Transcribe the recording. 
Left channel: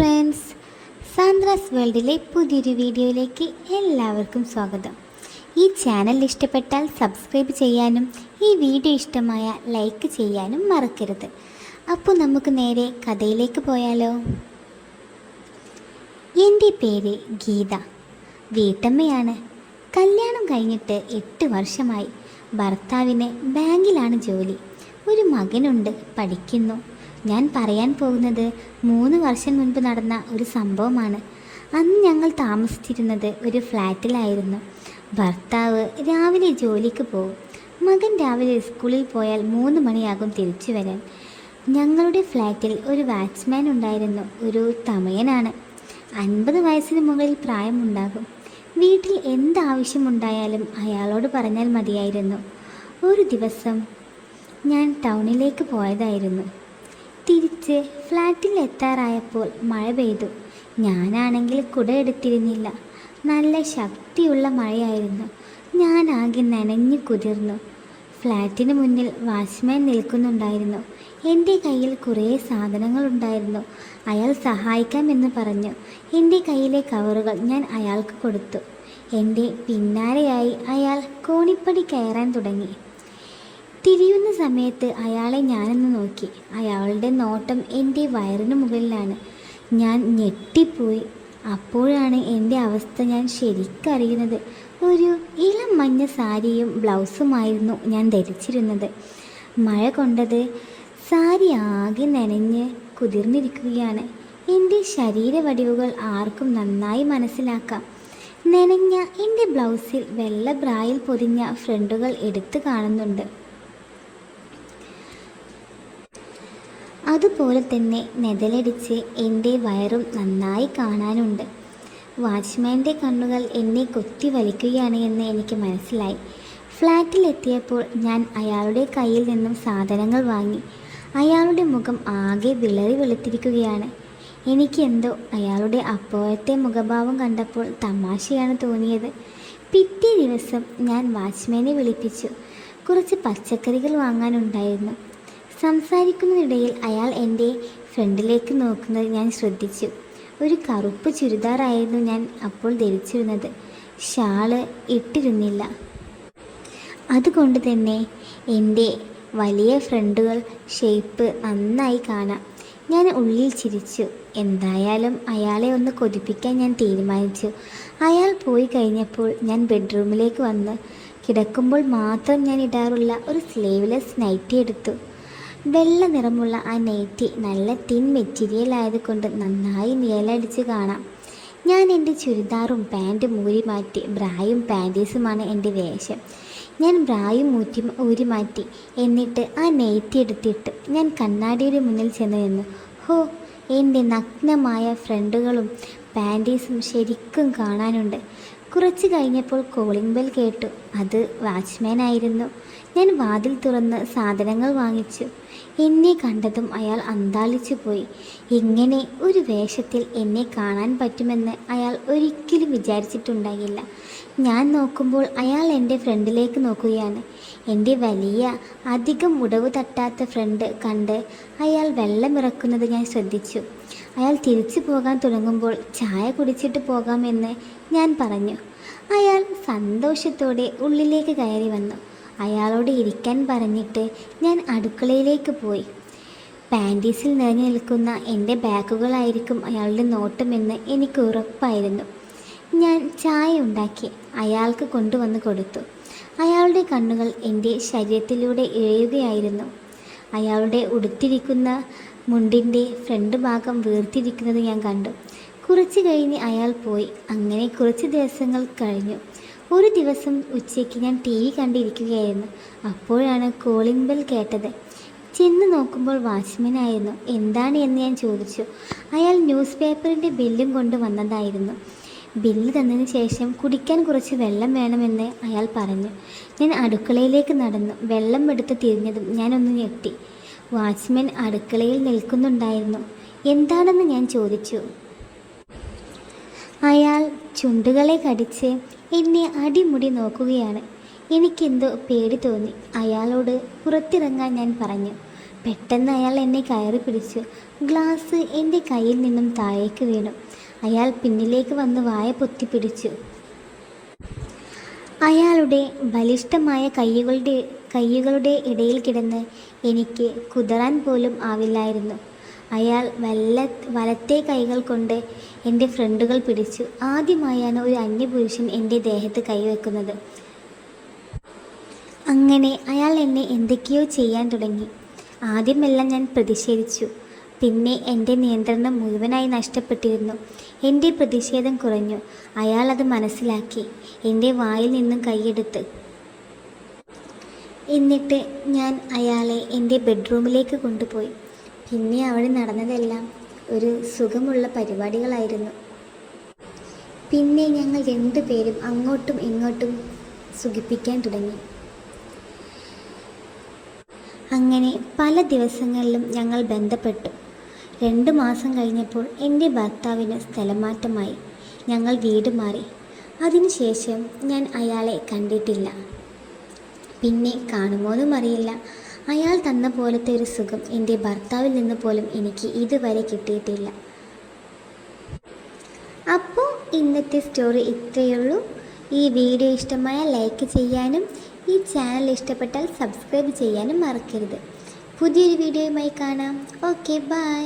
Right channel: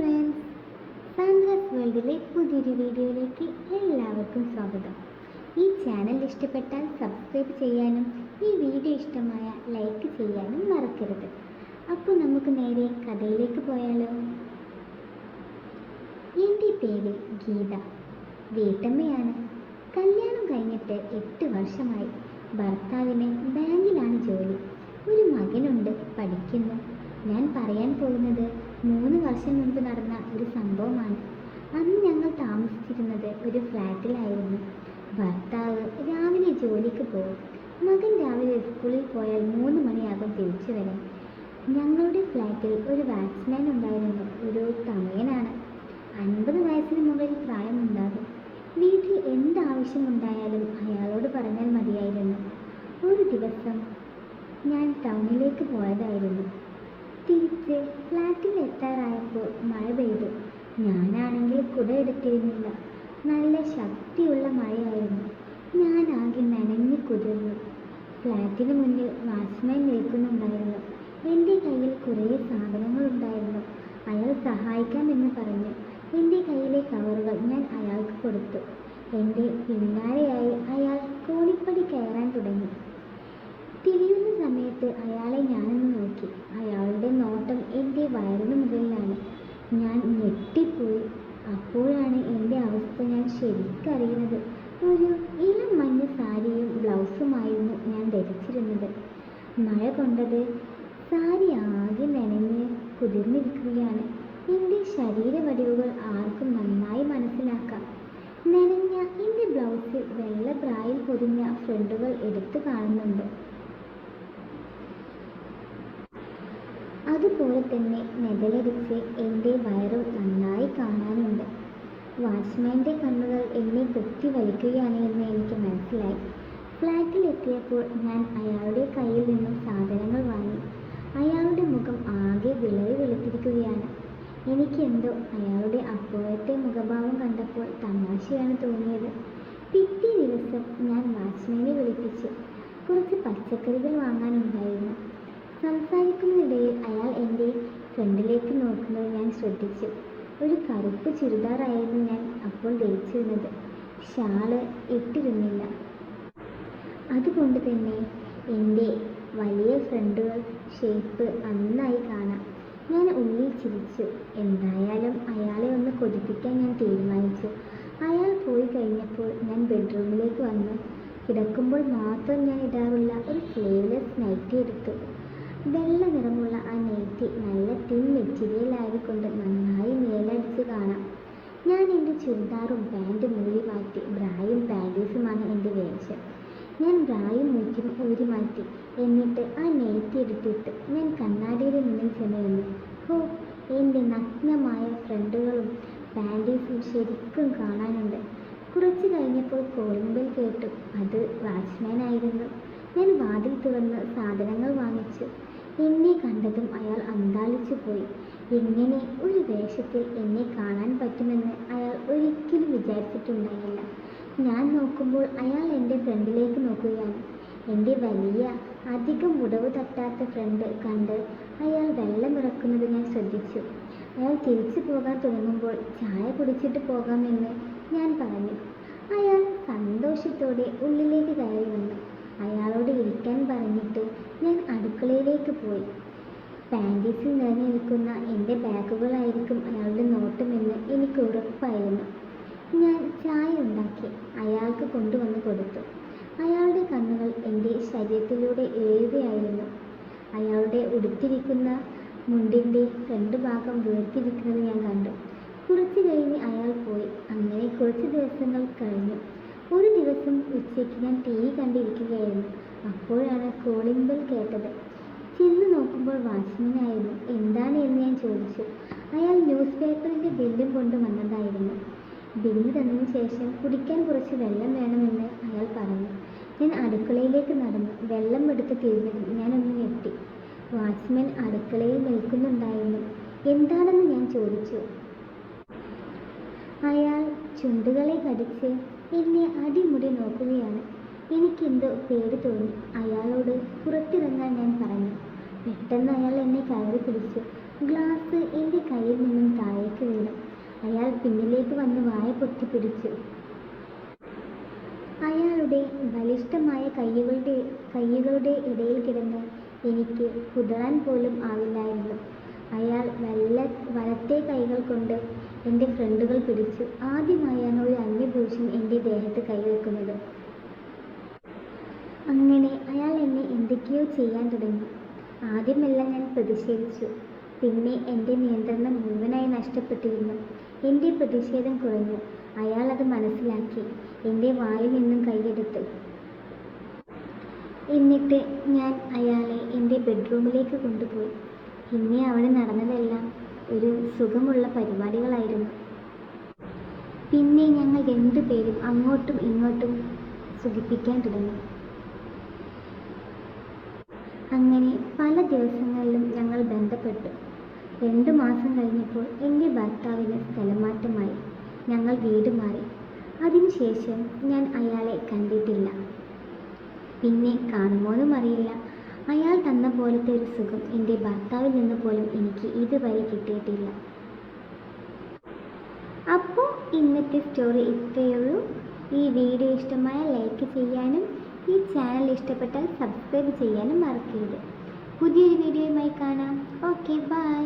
Friends Sandra's വേൾഡിലെ പുതിയൊരു വീഡിയോയിലേക്ക് എല്ലാവർക്കും സ്വാഗതം. ഈ ചാനൽ ഇഷ്ടപ്പെട്ടാൽ സബ്സ്ക്രൈബ് ചെയ്യാനും ഈ വീഡിയോ ഇഷ്ടമായ ലൈക്ക് ചെയ്യാനും മറക്കരുത്. അപ്പോൾ നമുക്ക് നേരെ കഥയിലേക്ക് പോയാലോ? എന്റെ പേര് ഗീത. വീട്ടമ്മയാണ്. കല്യാണം കഴിഞ്ഞിട്ട് എട്ട് വർഷമായി. ഭർത്താവിന് ബാങ്കിലാണ് ജോലി. ഒരു മകനുണ്ട് പഠിക്കുന്നു. ഞാൻ പറയാൻ പോകുന്നത് മൂന്ന് വർഷം മുൻപ് നടന്ന ഒരു സംഭവമാണ്. അന്ന് ഞങ്ങൾ താമസിച്ചിരുന്നത് ഒരു ഫ്ലാറ്റിലായിരുന്നു. ഭർത്താവ് രാവിലെ ജോലിക്ക് പോകും. മകൻ രാവിലെ സ്കൂളിൽ പോയാൽ മൂന്ന് മണിയാകും തിരിച്ചു വരാൻ. ഞങ്ങളുടെ ഫ്ലാറ്റിൽ ഒരു വാച്ച്മാൻ ഉണ്ടായിരുന്നു. ഒരു തമയനാണ്. അൻപത് വയസ്സിന് മുകളിൽ പ്രായമുണ്ടാകും. വീട്ടിൽ എന്താവശ്യമുണ്ടായാലും അയാളോട് പറഞ്ഞാൽ മതിയായിരുന്നു. ഒരു ദിവസം ഞാൻ ടൗണിലേക്ക് പോയതായിരുന്നു. തിരിച്ച് ഫ്ലാറ്റിൽ എത്താറായപ്പോൾ മഴ പെയ്തു. ഞാനാണെങ്കിൽ കുട എടുത്തിരുന്നില്ല. നല്ല ശക്തിയുള്ള മഴയായിരുന്നു. ഞാൻ ആകെ നനഞ്ഞു കുതിർന്നു. ഫ്ലാറ്റിന് മുന്നിൽ വാച്ച്മാൻ നിൽക്കുന്നുണ്ടായിരുന്നു. എന്റെ കയ്യിൽ കുറേ സാധനങ്ങളുണ്ടായിരുന്നു അയാൾ സഹായിക്കാമെന്ന് പറഞ്ഞു. എന്റെ കയ്യിലെ കവറുകൾ ഞാൻ അയാൾക്ക് കൊടുത്തു. എന്റെ പിന്നാലെയായി അയാൾ കോണിപ്പടി കയറാൻ തുടങ്ങി. തിരിയുന്ന സമയത്ത് അയാളെ ഞാനൊന്ന് നോക്കി. അയാളുടെ നോട്ടം എന്റെ വയറിന് മുകളിലാണ്. ഞാൻ ഞെട്ടിപ്പോയി. അപ്പോഴാണ് എന്റെ അവസ്ഥ ഞാൻ ശരിക്കറിയുന്നത് ഒരു ഇളം മഞ്ഞ സാരിയും ബ്ലൗസുമായിരുന്നു ഞാൻ ധരിച്ചിരുന്നത്. മഴ കൊണ്ടത് സാരി ആകെ നനഞ്ഞ് കുതിർന്നിരിക്കുകയാണ്. എന്റെ ശരീരവടിവുകൾ ആർക്കും നന്നായി മനസ്സിലാക്കാം. നനഞ്ഞ എന്റെ ബ്ലൗസിൽ വെള്ള ബ്രായിൽ പൊതിഞ്ഞ ഫ്രണ്ടുകൾ എടുത്തു കാണുന്നുണ്ട്. അതുപോലെ തന്നെ നെതലടിച്ച് എന്റെ വയറും നന്നായി കാണാനുണ്ട്. വാച്ച്മാന്റെ കണ്ണുകൾ എന്നെ കൊത്തി വലിക്കുകയാണ് എന്ന് എനിക്ക് മനസ്സിലായി. ഫ്ലാറ്റിലെത്തിയപ്പോൾ ഞാൻ അയാളുടെ കയ്യിൽ നിന്നും സാധനങ്ങൾ വാങ്ങി. അയാളുടെ മുഖം ആകെ വിളറി വെളുത്തിരിക്കുകയാണ്. എനിക്ക് എന്തോ അയാളുടെ അപ്പോഴത്തെ മുഖഭാവം കണ്ടപ്പോൾ തമാശയാണ് തോന്നിയത്. പിറ്റേ ദിവസം ഞാൻ വാച്ച്മാനെ വിളിപ്പിച്ചു. കുറച്ച് പച്ചക്കറികൾ വാങ്ങാനുണ്ടായിരുന്നു. സംസാരിക്കുന്നതിനിടയിൽ അയാൾ എന്റെ ഫ്രണ്ടിലേക്ക് നോക്കുന്നത് ഞാൻ ശ്രദ്ധിച്ചു. ഒരു കറുപ്പ് ചുരിദാറായിരുന്നു ഞാൻ അപ്പോൾ ധരിച്ചിരുന്നത്. ഷാൾ ഇട്ടിരുന്നില്ല. അതുകൊണ്ട് തന്നെ എന്റെ വലിയ ഫ്രണ്ടുകൾ ഷേപ്പ് നന്നായി കാണാം. ഞാൻ ഉള്ളിൽ ചിരിച്ചു. എന്തായാലും അയാളെ ഒന്ന് കൊതിപ്പിക്കാൻ ഞാൻ തീരുമാനിച്ചു. അയാൾ പോയി കഴിഞ്ഞപ്പോൾ ഞാൻ ബെഡ്റൂമിലേക്ക് വന്ന് കിടക്കുമ്പോൾ മാത്രം ഞാൻ ഇടാറുള്ള ഒരു സ്ലീവ്ലെസ് നൈറ്റി എടുത്തു. വെള്ള നിറമുള്ള ആ നൈറ്റി നല്ല തിൻ മെറ്റീരിയൽ ആയതുകൊണ്ട് നന്നായി നിഴലടിച്ച് കാണാം. ഞാൻ എന്റെ ചുരിദാറും പാന്റും ഊരി മാറ്റി ബ്രായും പാന്റീസുമാണ് എന്റെ വേഷം. ഞാൻ ബ്രായും ഊറ്റി ഊരി മാറ്റി എന്നിട്ട് ആ നെയ്ത്തി എടുത്തിട്ട് ഞാൻ കണ്ണാടിയുടെ മുന്നിൽ ചെന്ന് നിന്നു. ഹോ എന്റെ നഗ്നമായ ഫ്രണ്ടുകളും പാന്റീസും ശരിക്കും കാണാനുണ്ട്. കുറച്ച് കഴിഞ്ഞപ്പോൾ കോളിംഗ് ബെൽ കേട്ടു. അത് വാച്ച്മാൻ ആയിരുന്നു. ഞാൻ വാതിൽ തുറന്ന് സാധനങ്ങൾ വാങ്ങിച്ചു. എന്നെ കണ്ടതും അയാൾ അന്താളിച്ചു പോയി. ഇങ്ങനെ ഒരു വേഷത്തിൽ എന്നെ കാണാൻ പറ്റുമെന്ന് അയാൾ ഒരിക്കലും വിചാരിച്ചിട്ടുണ്ടായില്ല. ഞാൻ നോക്കുമ്പോൾ അയാൾ എന്റെ ഫ്രണ്ടിലേക്ക് നോക്കുകയാണ്. എന്റെ വലിയ അധികം മുടവ് തട്ടാത്ത ഫ്രണ്ട് കണ്ട് അയാൾ വെള്ളമിറക്കുന്നത് ഞാൻ ശ്രദ്ധിച്ചു. അയാൾ തിരിച്ചു പോകാൻ തുടങ്ങുമ്പോൾ ചായ കുടിച്ചിട്ട് പോകാമെന്ന് ഞാൻ പറഞ്ഞു. അയാൾ സന്തോഷത്തോടെ ഉള്ളിലേക്ക് കയറി വന്നു. അയാളോട് ഇരിക്കാൻ പറഞ്ഞിട്ട് ഞാൻ അടുക്കളയിലേക്ക് പോയി. പാന്റീസിൽ നിറഞ്ഞു നിൽക്കുന്ന എന്റെ ബാഗുകളായിരിക്കും അയാളുടെ നോട്ടമെന്ന് എനിക്ക് ഉറപ്പായിരുന്നു. ഞാൻ ചായ ഉണ്ടാക്കി അയാൾക്ക് കൊണ്ടുവന്ന് കൊടുത്തു. അയാളുടെ കണ്ണുകൾ എന്റെ ശരീരത്തിലൂടെ ഇഴയുകയായിരുന്നു അയാളുടെ ഉടുത്തിരിക്കുന്ന മുണ്ടിന്റെ ഫ്രണ്ട് ഭാഗം വീർത്തിരിക്കുന്നത് ഞാൻ കണ്ടു. കുറച്ച് കഴിഞ്ഞ് അയാൾ പോയി. അങ്ങനെ കുറച്ച് ദിവസങ്ങൾ കഴിഞ്ഞു. ഒരു ദിവസം ഉച്ചയ്ക്ക് ഞാൻ ടി വി കണ്ടിരിക്കുകയായിരുന്നു. അപ്പോഴാണ് കോളിംഗ് ബെൽ കേട്ടത്. ചെന്ന് നോക്കുമ്പോൾ വാച്ച്മാനായിരുന്നു. എന്താണ് എന്ന് ഞാൻ ചോദിച്ചു. അയാൾ ന്യൂസ് പേപ്പറിന്റെ ബില്ലും കൊണ്ട് വന്നതായിരുന്നു. ബില്ല് തന്നതിന് ശേഷം കുടിക്കാൻ കുറച്ച് വെള്ളം വേണമെന്ന് അയാൾ പറഞ്ഞു. ഞാൻ അടുക്കളയിലേക്ക് നടന്നു. വെള്ളം എടുത്ത് തിരിഞ്ഞതും ഞാനൊന്ന് ഞെട്ടി. വാച്ച്മാൻ അടുക്കളയിൽ നിൽക്കുന്നുണ്ടായിരുന്നു. എന്താണെന്ന് ഞാൻ ചോദിച്ചു. അയാൾ ചുണ്ടുകളെ കടിച്ച് എന്നെ അടിമുടി നോക്കുകയാണ്. എനിക്കെന്തോ പേടി തോന്നി. അയാളോട് പുറത്തിറങ്ങാൻ ഞാൻ പറഞ്ഞു. പെട്ടെന്ന് അയാൾ എന്നെ കയറി പിടിച്ചു. ഗ്ലാസ് എന്റെ കയ്യിൽ നിന്നും താഴേക്ക് വീണു. അയാൾ പിന്നിലേക്ക് വന്ന് വായ പൊത്തിപ്പിടിച്ചു അയാളുടെ ബലിഷ്ഠമായ കൈകളുടെ കൈകളുടെ ഇടയിൽ കിടന്ന് എനിക്ക് കുതറാൻ പോലും ആവില്ലായിരുന്നു. അയാൾ വല്ല വലത്തെ കൈകൾ കൊണ്ട് എന്റെ ഫ്രണ്ടുകൾ പിടിച്ചു. ആദ്യമായാണ് ഒരു അന്യപുരുഷൻ എന്റെ ദേഹത്ത് കൈവെക്കുന്നത്. അങ്ങനെ അയാൾ എന്നെ എന്തൊക്കെയോ ചെയ്യാൻ തുടങ്ങി. ആദ്യമെല്ലാം ഞാൻ പ്രതിഷേധിച്ചു. പിന്നെ എന്റെ നിയന്ത്രണം മുഴുവനായി നഷ്ടപ്പെട്ടിരുന്നു. എന്റെ പ്രതിഷേധം കുറഞ്ഞു. അയാൾ അത് മനസ്സിലാക്കി. എന്റെ വായിൽ നിന്നും കൈയെടുത്ത്. എന്നിട്ട് ഞാൻ അയാളെ എന്റെ ബെഡ്റൂമിലേക്ക് കൊണ്ടുപോയി. പിന്നെ അവിടെ നടന്നതെല്ലാം ഒരു സുഖമുള്ള പരിപാടികളായിരുന്നു. പിന്നെ ഞങ്ങൾ രണ്ടുപേരും അങ്ങോട്ടും ഇങ്ങോട്ടും സുഖിപ്പിക്കാൻ തുടങ്ങി. അങ്ങനെ പല ദിവസങ്ങളിലും ഞങ്ങൾ ബന്ധപ്പെട്ടു. രണ്ട് മാസം കഴിഞ്ഞപ്പോൾ എന്റെ ഭർത്താവിന് സ്ഥലമാറ്റമായി. ഞങ്ങൾ വീട് മാറി. അതിനുശേഷം ഞാൻ അയാളെ കണ്ടിട്ടില്ല. പിന്നെ കാണുമോ കാണുമോന്നും അറിയില്ല. അയാൾ തന്ന പോലത്തെ ഒരു സുഖം എന്റെ ഭർത്താവിൽ നിന്ന് പോലും എനിക്ക് ഇതുവരെ കിട്ടിയിട്ടില്ല. അപ്പോൾ ഇന്നത്തെ സ്റ്റോറി ഇത്രയേ ഉള്ളൂ. ഈ വീഡിയോ ഇഷ്ടമായ ലൈക്ക് ചെയ്യാനും ഈ ചാനൽ ഇഷ്ടപ്പെട്ടാൽ സബ്സ്ക്രൈബ് ചെയ്യാനും മറക്കരുത്. പുതിയൊരു വീഡിയോയുമായി കാണാം. Okay bye